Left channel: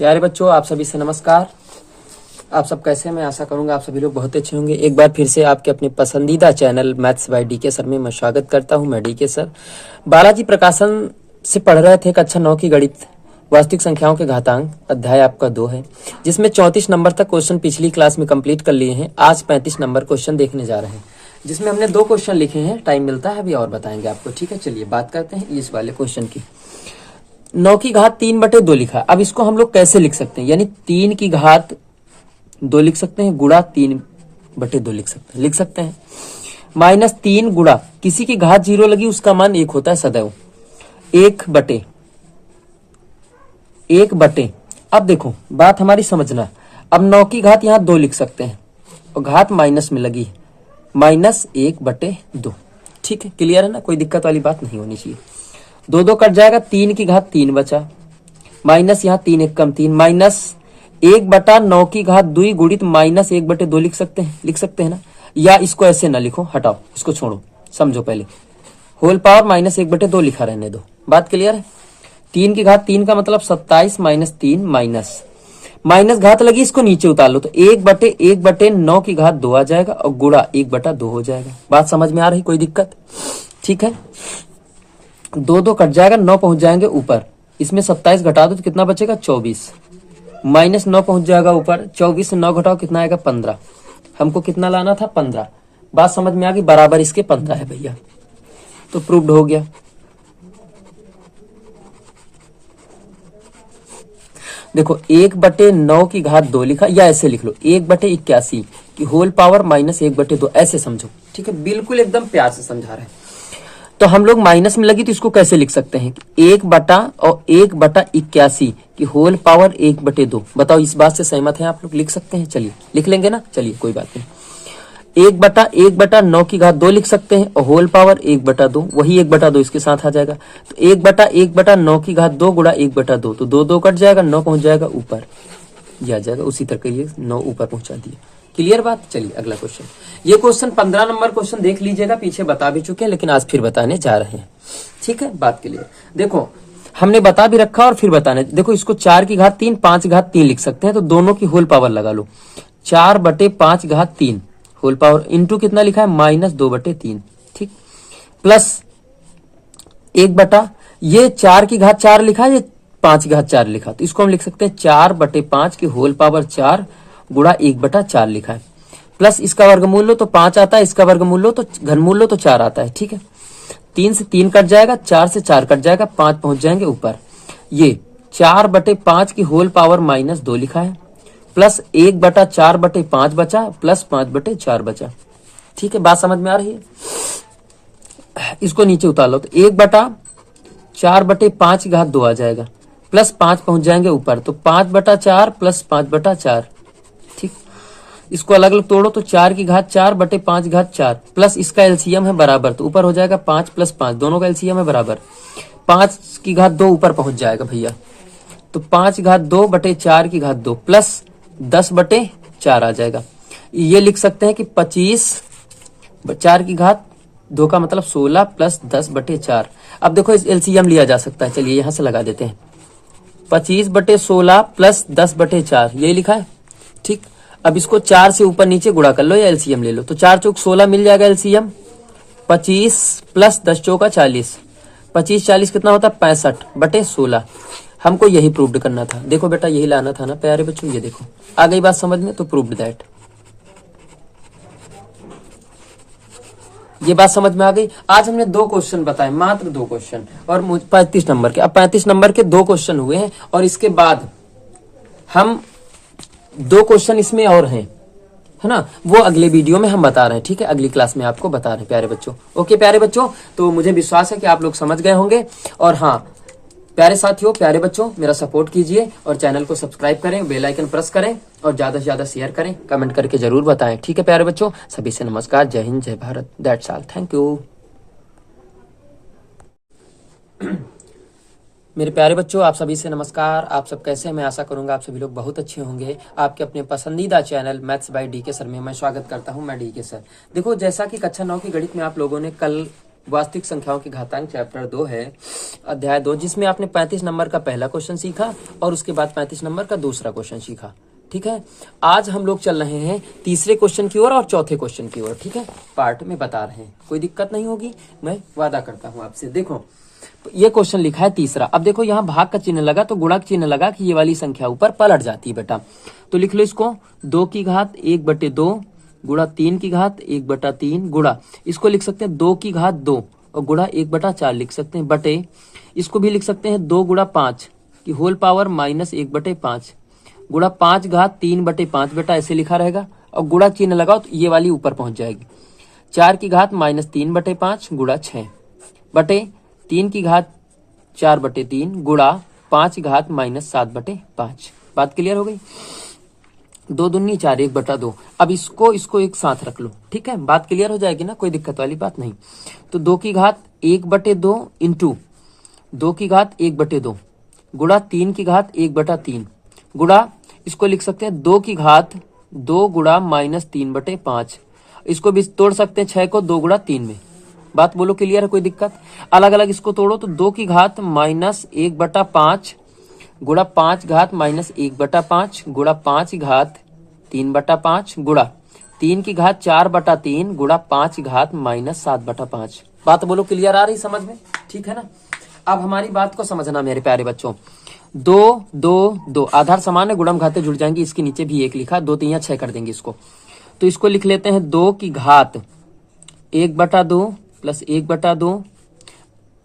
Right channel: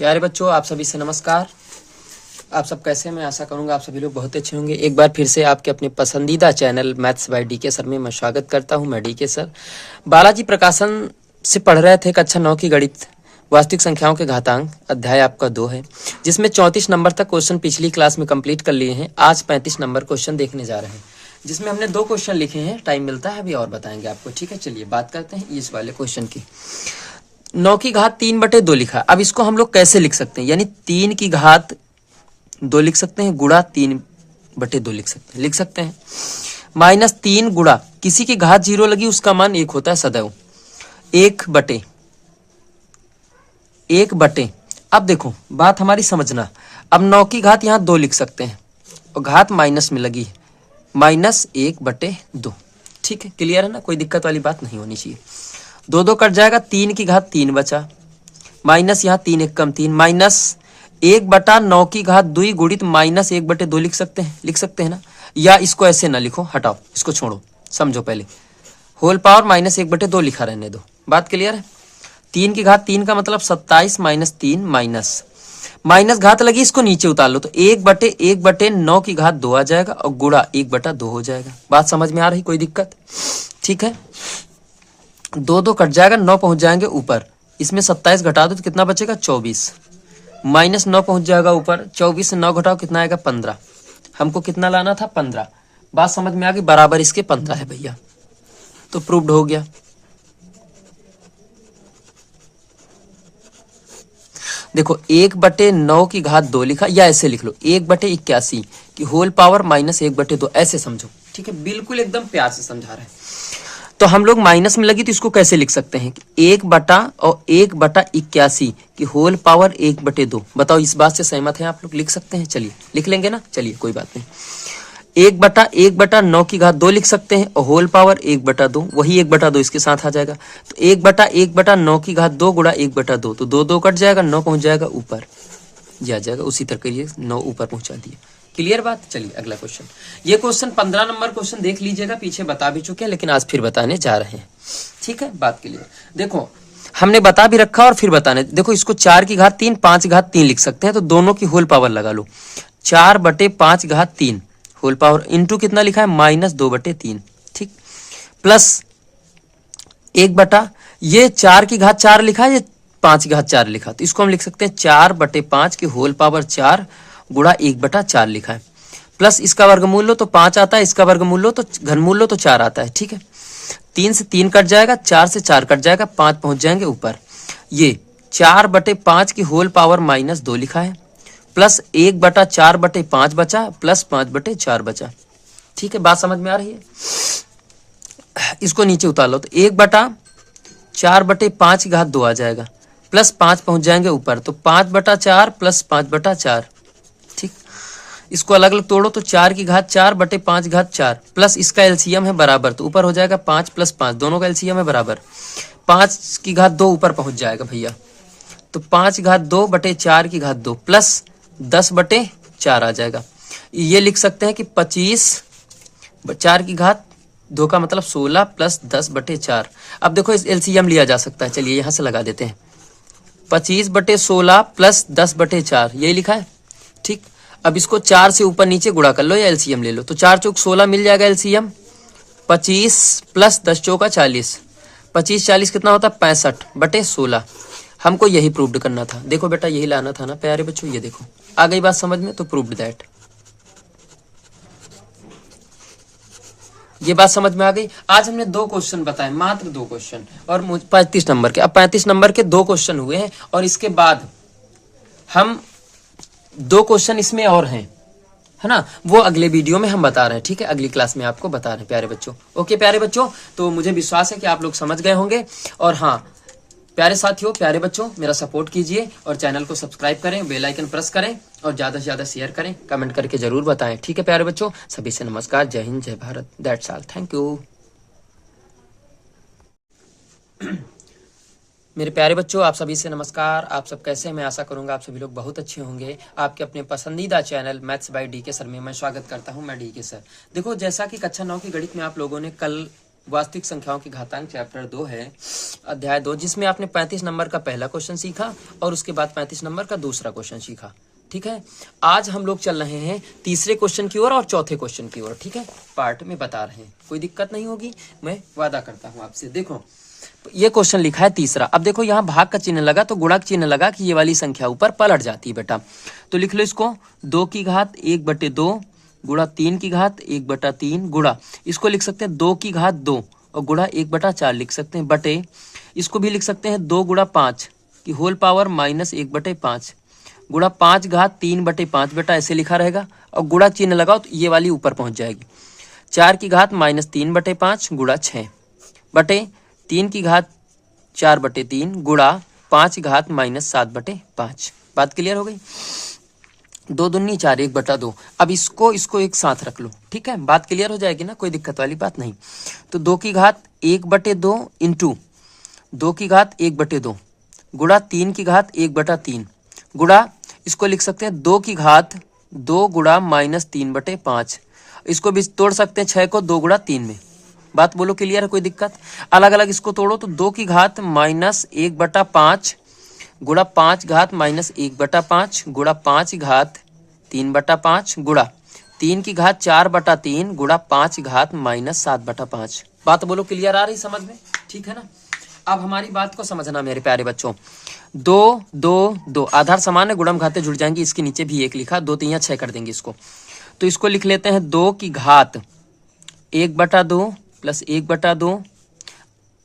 प्यारे बच्चों, आप सभी से नमस्कार। आप सब कैसे हैं? मैं आशा करूंगा आप सभी लोग बहुत अच्छे होंगे। एक बार फिर से आपके अपने पसंदीदा channel maths by DK sir में मैं स्वागत करता हूं। मैं डीके सर बालाजी प्रकाशन से पढ़ रहे थे कक्षा 9 की गणित वास्तविक संख्याओं के घातांक। अध्याय आपका 2 है, जिसमें 34 नंबर तक क्वेश्चन पिछली क्लास में कंप्लीट कर लिए हैं। आज 35 नंबर क्वेश्चन देखने जा रहे हैं, जिसमें हमने 2 क्वेश्चन लिखे हैं। टाइम मिलता है अभी और बताएंगे आपको, ठीक है। चलिए बात करते हैं इस वाले क्वेश्चन की। 9 की घात 3/2 लिखा। अब इसको हम लोग कैसे लिख सकते हैं? यानी 3 की घात 2 लिख सकते हैं, गुणा 3/2 लिख सकते हैं। -3 गुणा किसी की घात 0 लगी, उसका मान 1 होता है सदैव। 1/1। अब देखो बात हमारी समझना। अब 9 की घात यहाँ 2 लिख सकते हैं और घात माइनस में लगी है, -1/2। ठीक है, क्लियर है ना? कोई दिक्कत वाली बात नहीं होनी चाहिए। 2 कट जाएगा, 3 की घात 3 बचा, माइनस यहाँ 3 1 कम 3, -1/9 की घात 2 गुणित -1/2 लिख सकते हैं ना। या इसको ऐसे ना लिखो, हटाओ, इसको छोड़ो, समझो पहले। होल पावर -1/2 लिखा रहने दो। बात क्लियर है? 3 की घात 3 का मतलब 27 - 3 माइनस घात लगी, इसको नीचे उतार लो तो 1/9 की घात 2 आ जाएगा और गुणा 1/2 हो जाएगा। बात समझ में आ रही? कोई दिक्कत? ठीक है। 2 कट जाएगा, 9 पहुंच जाएंगे ऊपर। इसमें 27 घटा दो तो कितना बचेगा? 24। -9 पहुंच जाएगा ऊपर। 24 से 9 घटाओ, कितना आएगा? 15। हमको कितना लाना था? 15। बात समझ में आ गई? बराबर इसके 15 है भैया, तो प्रूव्ड हो गया। देखो 1/9 की घात 2 लिखा, या ऐसे लिख लो 1/81 की होल पावर -1/2, ऐसे समझो। ठीक है, बिल्कुल एकदम प्यार से समझा रहे हैं। तो हम लोग माइनस में लगी तो इसको कैसे लिख सकते हैं? 1/81 की होल पावर 1/2। बताओ, इस बात से सहमत हैं आप लोग? लिख सकते हैं? चलिए लिख लेंगे ना। चलिए कोई बात नहीं। 1/9 की घात 2 लिख सकते हैं और होल पावर 1/2, वही 1/2 इसके साथ आ जाएगा। तो 1/9 की घात 2 गुणा 1/2, तो 2 कट जाएगा, 9 पहुंच जाएगा ऊपर, ये आ जाएगा। उसी तरह ये 9 ऊपर पहुंचा दिए। क्लियर बात? चलिए अगला क्वेश्चन। ये क्वेश्चन 15 नंबर क्वेश्चन देख लीजिएगा, पीछे बता भी चुके हैं, लेकिन आज फिर बताने जा रहे हैं। ठीक है, बात क्लियर। देखो हमने बता भी रखा और फिर बताने। देखो इसको 4 की घात 3, 5 घात 3 लिख सकते हैं, तो दोनों की होल पावर लगा लो। 4/5 घात 3 होल पावर इंटू कितना लिखा है? -2/3। ठीक, प्लस 1 4 की घात 4 लिखा है, ये 5 की घात 4 लिखा, तो इसको हम लिख सकते हैं 4/5 की होल पावर 4 गुणा 1/4 लिखा है। प्लस इसका वर्गमूल लो तो 5 आता है, इसका वर्गमूल लो तो घनमूल लो तो 4 आता है। ठीक है, 3 से 3 कट जाएगा, 4 से 4 कट जाएगा, 5 पहुंच जाएंगे ऊपर। ये 4/5 की होल पावर -2 लिखा है, प्लस 1/4/5 बचा, प्लस 5/4 बचा। ठीक है, बात समझ में आ रही है? इसको नीचे उतार लो तो 1/4/5 की घात 2 आ जाएगा, प्लस 5 पहुंच जाएंगे ऊपर, तो 5/4 प्लस 5/4। ठीक, इसको अलग अलग तोड़ो तो 4 की घात 4/5 घात 4, प्लस इसका एलसीएम है बराबर, तो ऊपर हो जाएगा 5 + 5, दोनों का एलसीएम है बराबर। 5 की घात 2 ऊपर पहुंच जाएगा भैया, तो 5 की घात 2/4 की घात 2 प्लस 10/4 आ जाएगा। ये लिख सकते हैं कि 25 4 की घात 2 का मतलब 16 प्लस 10/4। अब देखो इस एलसीएम लिया जा सकता है, चलिए यहां से लगा देते हैं। 25/16 प्लस 10/4 यही लिखा है। ठीक, अब इसको 4 से ऊपर नीचे गुणा कर लो या एलसीएम ले लो, तो 4 चौक 16 मिल जाएगा एलसीएम। 25 प्लस 10 चौका 40, 25 40 कितना होता है? 65/16। हमको यही प्रूव्ड करना था। देखो बेटा यही लाना था ना प्यारे बच्चों, ये देखो आ गई बात समझ में, तो प्रूव्ड दैट। ये बात समझ में आ गई। आज हमने 2 क्वेश्चन बताए, मात्र 2 क्वेश्चन, और 35 नंबर के। अब 35 नंबर के 2 क्वेश्चन हुए हैं, और इसके बाद हम 2 क्वेश्चन इसमें और हैं, है ना, वो अगले वीडियो में हम बता रहे हैं। ठीक है, अगली क्लास में आपको बता रहे हैं प्यारे बच्चों। ओके प्यारे बच्चों, तो मुझे विश्वास है कि आप लोग समझ गए होंगे। और हाँ प्यारे साथियों, प्यारे बच्चों, मेरा सपोर्ट कीजिए और चैनल को सब्सक्राइब करें, बेल आइकन प्रेस करें और ज्यादा से ज्यादा शेयर करें, कमेंट करके जरूर बताएं। ठीक है प्यारे बच्चों, सभी से नमस्कार, जय हिंद, जय Bharat, that's all, thank you. मेरे प्यारे बच्चों, आप सभी से नमस्कार। आप सब कैसे हैं? मैं आशा करूंगा आप सभी लोग बहुत अच्छे होंगे। आपके अपने पसंदीदा channel maths by DK sir में मैं स्वागत करता हूं। मैं डीके सर। देखो जैसा कि कक्षा 9 की गणित में आप लोगों ने कल वास्तविक संख्याओं की घातांक चैप्टर 2 है, अध्याय 2, जिसमें आपने 35 नंबर का पहला क्वेश्चन सीखा और उसके बाद 35 नंबर का दूसरा क्वेश्चन सीखा। ठीक है, आज हम लोग चल रहे हैं तीसरे क्वेश्चन की ओर और चौथे क्वेश्चन की ओर। ठीक है, पार्ट में बता रहे हैं, कोई दिक्कत नहीं होगी, मैं वादा करता हूं आपसे। देखो ये क्वेश्चन लिखा है तीसरा। अब देखो यहाँ भाग का चिन्ह लगा तो गुणा का चिन्ह लगा कि ये वाली संख्या ऊपर पलट जाती है बेटा। तो लिख लो इसको 2 की घात 1/2 गुणा 3 की घात 1/3 गुणा, इसको लिख सकते हैं 2 की घात 2 और गुणा 1/4 लिख सकते हैं, बटे इसको भी लिख सकते हैं 2 गुणा 5 की होल पावर -1/5 गुणा 5 घात 3/5 बेटा, ऐसे लिखा रहेगा। और गुणा चिन्ह लगाओ तो ये वाली ऊपर पहुंच जाएगी। 4 की घात -3/5 गुणा 6 बटे 3 की घात 4/3 गुणा 5 घात -7/5। बात क्लियर हो गई? 2 दूनी 4 1/2। अब इसको एक साथ रख लो। ठीक है, बात क्लियर हो जाएगी ना, कोई दिक्कत वाली बात नहीं। तो 2 की घात 1/2 इंटू 2 की घात 1/2 गुणा 3 की घात 1/3 गुणा, इसको लिख सकते हैं 2 की घात 2 गुणा -3/5। इसको भी तोड़ सकते हैं 6 को 2 गुणा 3 में। बात बोलो क्लियर है, कोई दिक्कत? अलग अलग इसको तोड़ो तो 2 की घात -1/5 गुणा 5 घात -1/5 गुणा 5 घात 3/5 गुणा 3 की घात 4/3 गुणा 5 घात -7/5। बात बोलो क्लियर आ रही समझ में? ठीक है ना। अब हमारी बात को समझना मेरे प्यारे बच्चों। 2 2 2 आधार समान है, गुणम घाते जुड़ जाएंगे। इसके नीचे भी 1 लिखा, 2 3 6 कर देंगे इसको। तो इसको लिख लेते हैं 2 की घात 1/2 प्लस 1/2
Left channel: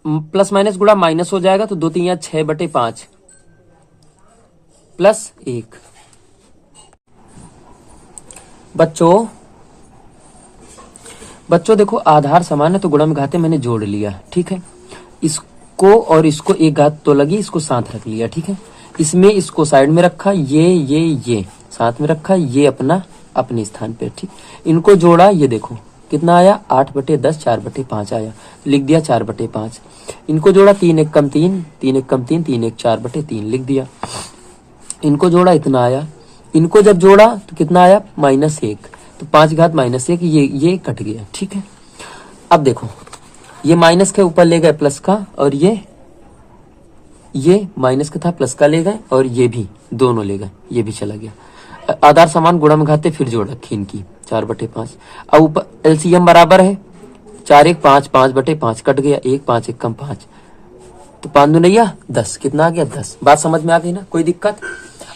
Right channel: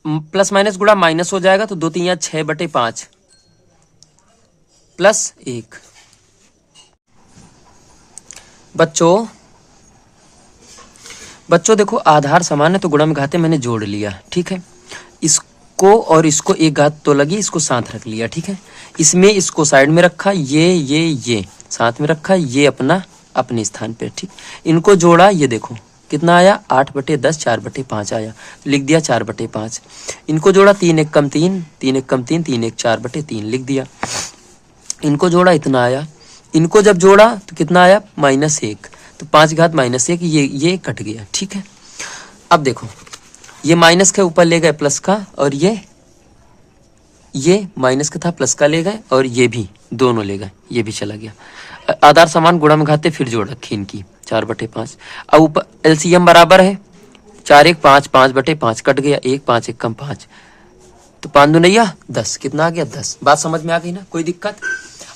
प्लस माइनस गुणा माइनस हो जाएगा, तो 2 3 6/5 प्लस 1। बच्चों देखो आधार समान है तो गुणम घाते मैंने जोड़ लिया। ठीक है, इसको और इसको एक घात तो लगी, इसको साथ रख लिया। ठीक है, इसमें इसको साइड में रखा, ये साथ में रखा, ये अपने स्थान पे। ठीक, इनको जोड़ा, ये देखो कितना आया 8/10 4/5 आया, लिख दिया 4/5। इनको जोड़ा 3 1 कम 3 3 1 कम 3 3 1 4/3 लिख दिया। इनको जोड़ा इतना आया, इनको जब जोड़ा तो कितना आया -1, तो 5 घात -1, ये कट गया। ठीक है, अब देखो ये माइनस के ऊपर ले गए प्लस का, और ये माइनस का था प्लस का ले गए, और ये भी दोनों ले गए, ये भी चला गया। आधार समान गुणा में घाते फिर जोड़ रखी इनकी 4/5। अब ऊपर एलसीएम बराबर है 4 1 5 5/5 कट गया, 1 5 1 कम 5, तो 5 दूनी 10, कितना आ गया 10। बात समझ में आ गई ना, कोई दिक्कत?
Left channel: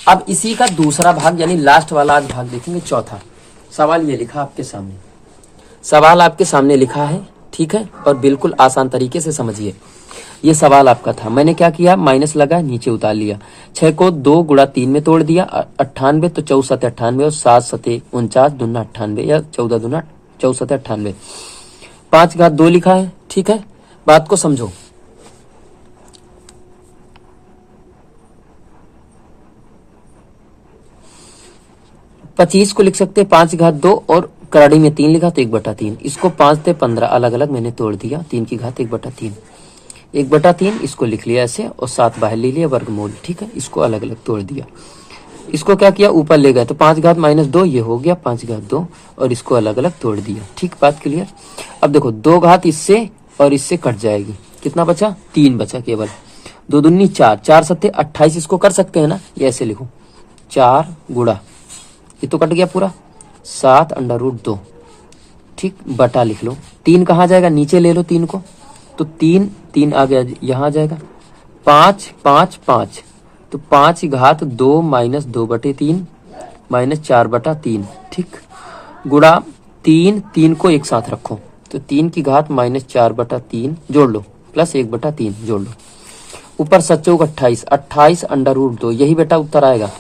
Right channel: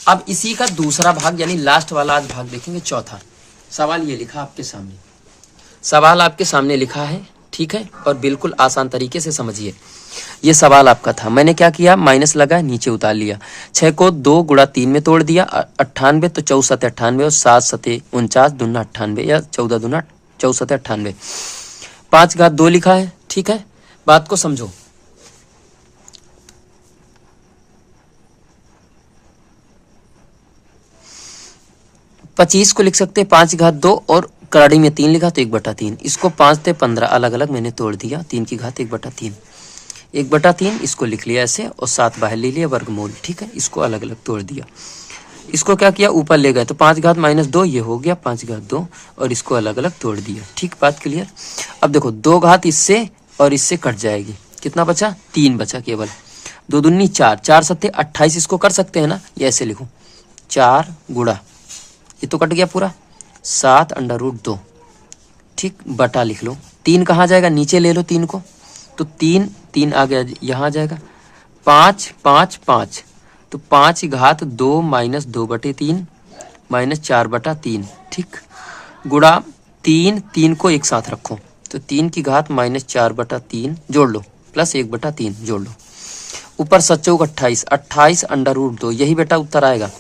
अब इसी का दूसरा भाग यानी लास्ट वाला आज भाग देखेंगे, चौथा सवाल। ये लिखा आपके सामने, सवाल आपके सामने लिखा है। ठीक है, और बिल्कुल आसान तरीके से समझिए। ये सवाल आपका था, मैंने क्या किया, माइनस लगा नीचे उतार लिया। 6 को 2 गुणा 3 में तोड़ दिया, 98, तो 4 7 98 और 7 7 49 दूना 98 या 14 दूना 4 7 98। 5 घात 2 लिखा है। ठीक है, बात को समझो। पच्चीस को लिख सकते हैं 5 घात 2 और कराड़ी में 3 लिखा तो 1/3। इसको 5 थे 15 अलग अलग मैंने तोड़ दिया, 3 की घात 1/3 1/3 इसको लिख लिया ऐसे, और 7 बाहर ले लिया वर्गमूल। ठीक है, इसको अलग अलग तोड़ दिया। इसको क्या किया, ऊपर ले गए तो 5 घात -2 ये हो गया 5 घात 2, और इसको अलग अलग तोड़ दिया। ठीक, बात क्लियर? अब देखो 2 घात इससे और इससे कट जाएगी, कितना बचा 3 बचा केवल। 2 दूनी 4 4 7 28, इसको कर सकते हैं ना, ये ऐसे लिखो 4 गुणा, ये तो कट गया पूरा 7/√2। ठीक, बटा लिख लो। 3 कहाँ जाएगा, नीचे ले लो 3 को, तो 3 आ गया यहाँ आ जाएगा। 5 5 5, तो 5 घात 2 -2/3 -4/3। ठीक, गुणा 3 को एक साथ रखो, तो 3 की घात -4/3 जोड़ लो, प्लस 1/3 जोड़ लो। ऊपर 7 चौक 28 28/√2, यही बेटा उत्तर आएगा।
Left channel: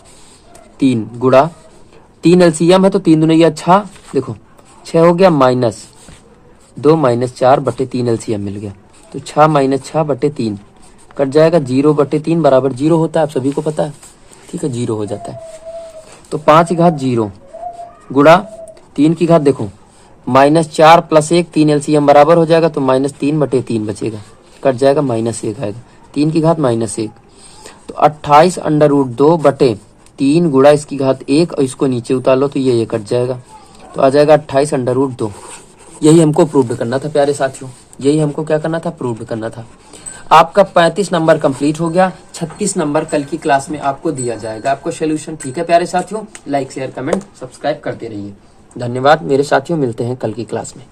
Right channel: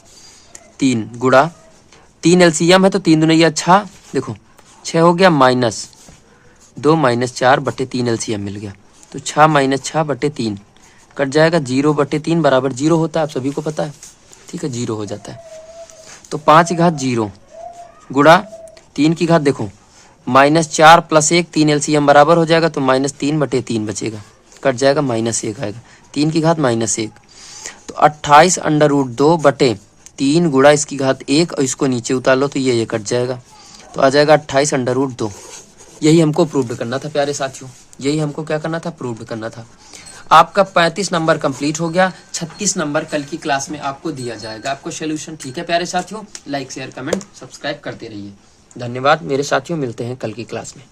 3 गुणा 3 एलसीएम है तो 3 दूनी 6, देखो 6 हो गया -2 -4/3 एलसीएम मिल गया, तो 6 -6/3 कट जाएगा, 0/3 बराबर 0 होता है, आप सभी को पता है। ठीक है, 0 हो जाता है। तो 5 घात 0 गुणा 3 की घात देखो -4 + 1 3 एलसीएम बराबर हो जाएगा, तो -3/3 बचेगा, कट जाएगा -1 आएगा, 3 की घात -1, तो 28/√2/3 गुणा इसकी घात 1, और इसको नीचे उतार लो तो ये कट जाएगा, तो आ जाएगा 28/√2। यही हमको प्रूव करना था प्यारे साथियों, यही हमको क्या करना था, प्रूव करना था। आपका 35 नंबर कंप्लीट हो गया, 36 नंबर कल की क्लास में आपको दिया जाएगा, आपको सोल्यूशन। ठीक है प्यारे साथियों, लाइक शेयर कमेंट सब्सक्राइब करते रहिए। धन्यवाद मेरे साथियों, मिलते हैं कल की क्लास में।